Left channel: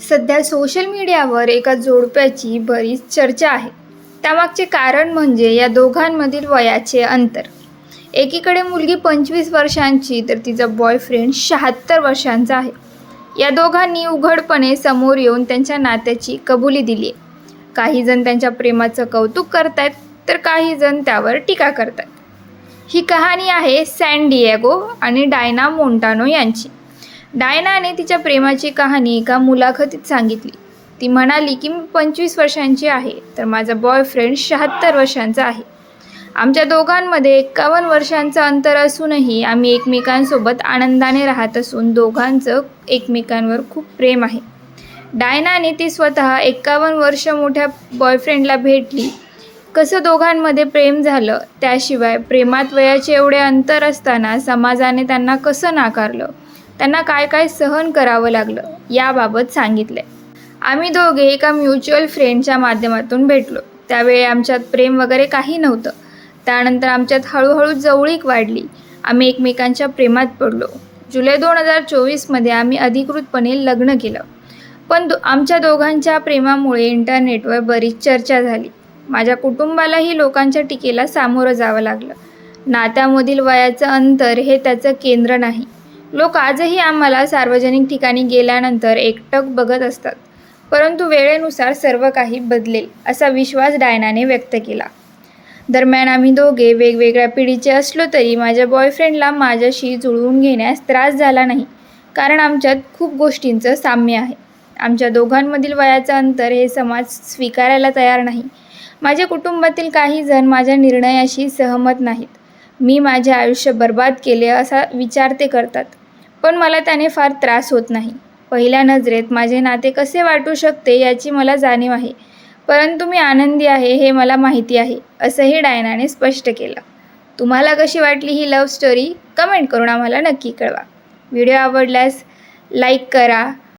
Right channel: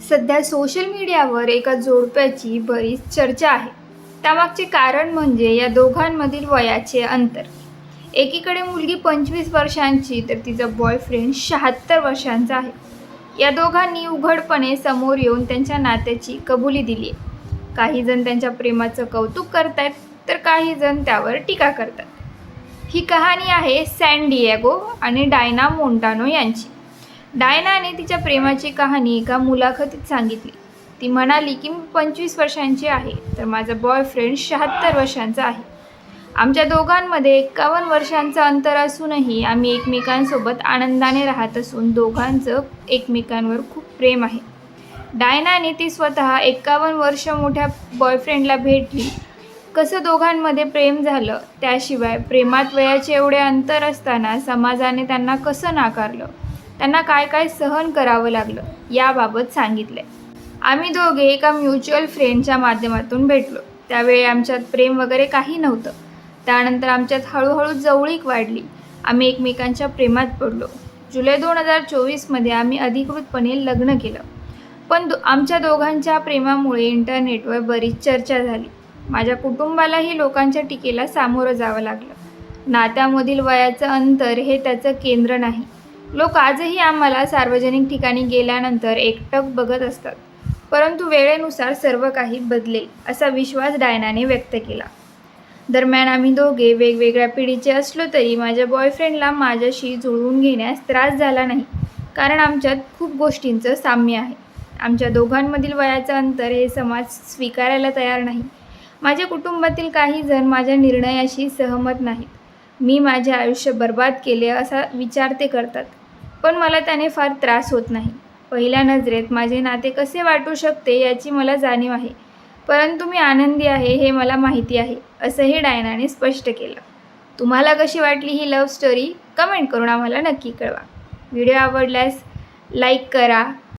सध्या सोशल मीडियावर एका जोडप्याची बरीच चर्चा आहे. त्यामागचे कारण म्हणजे या दोघांमधील वयाचे अंतर. एकीकडे मुलगी पंचवीस वर्षांची तर तिचा बॉयफ्रेंड शहात्तर वर्षांचा आहे. या दोघांनी उघडपणे समोर येऊन त्यांच्या नात्याची कबुली दिली आहे. काही जण त्यांच्या प्रेमाचं कौतुक करतायत तर काही जण त्यावर टीका करतात ही कहाणी आहे सॅन डिएगो आणि डायना मोंटानो यांची. डायनाने तिच्या प्रेमाची कहाणी एका मुलाखतीत सांगितली. ती म्हणाली की मी पंचवीस वर्षांची आहे तर माझा बॉयफ्रेंड शहात्तर वर्षांचा आहे. आमच्या दोघांमध्ये एक्कावन्न वर्षांचं अंतर असूनही आम्ही एकमेकांसोबत आनंदाने राहत असून दोघांचं एकमेकांवर खूप प्रेम आहे. डायनाने ती स्वतः एक्कावन्न वर्ष मोठ्या बॉयफ्रेंडला भेटली. कसं दोघांमध्ये प्रेम झालं त्याशिवाय प्रेमात वयाचे एवढे अंतर असताना समाजाने त्यांना कसं नाकारलं? त्यांना काय काय सहन करावं लागलं याबाबत सांगितले. आम्ही दोघे एका म्युच्युअल फ्रेंडच्या माध्यमातून भेटलो. त्यावेळी आमच्यात प्रेम वगैरे काही नव्हतं. त्यानंतर आमच्यात हळूहळू जवळीक वाढली. आम्ही एकमेकांच्या प्रेमात पडलो. जुलै दोन हजार चोवीसमध्ये आम्ही अधिकृतपणे लग्न केलं. पण दो आमच्या दोघांच्या प्रेमामुळे इंटरनेटवर बरीच चर्चा झाली. माझ्या कुटुंबालाही लोकांच्या टीकेला सामोरं जावं लागलं. नात्यामधील वयाचं अंतर हे त्याचं केंद्र नाही. लोक आजही आम्हाला सार्वजनिक ठिकाणी गेल्यानंतर एकटक बघत असतात. परंतु वेळेनुसार सर्व काही बदलेल असा विश्वास डायनाने व्यक्त केला. दरम्यान आम्ही दोघे वेगवेगळ्या पिढीचे असलो तरी माझ्या बॉयफ्रेंडला माझ्याशी जुळवून घेण्यास त्रास झाला नाही कारण आमच्यात खूप गोष्टींचं साम्य आहे. आमच्या दोघांमधील वयाचं अंतर हे समाज स्वीकारायला तयार नाही. माझ्या कुटुंबातील काही जण माझ्या निर्णयाशी सहमत नाहीत. मी माझे आयुष्य बर्बाद केले असा विचार ते करतात. पण मला त्याने फार त्रास होत नाही. पहिल्या नजरेत माझे नाते कसे वाटू शकते याची मला जाणीव आहे. परंतु मी आनंदी आहे हे मला माहिती आहे असंही डायनाने स्पष्ट केलं. तुम्हाला कशी वाटली ही लव्ह स्टोरी कमेंट करून आम्हाला नक्की कळवा. व्हिडिओ आवडल्यास लाईक करा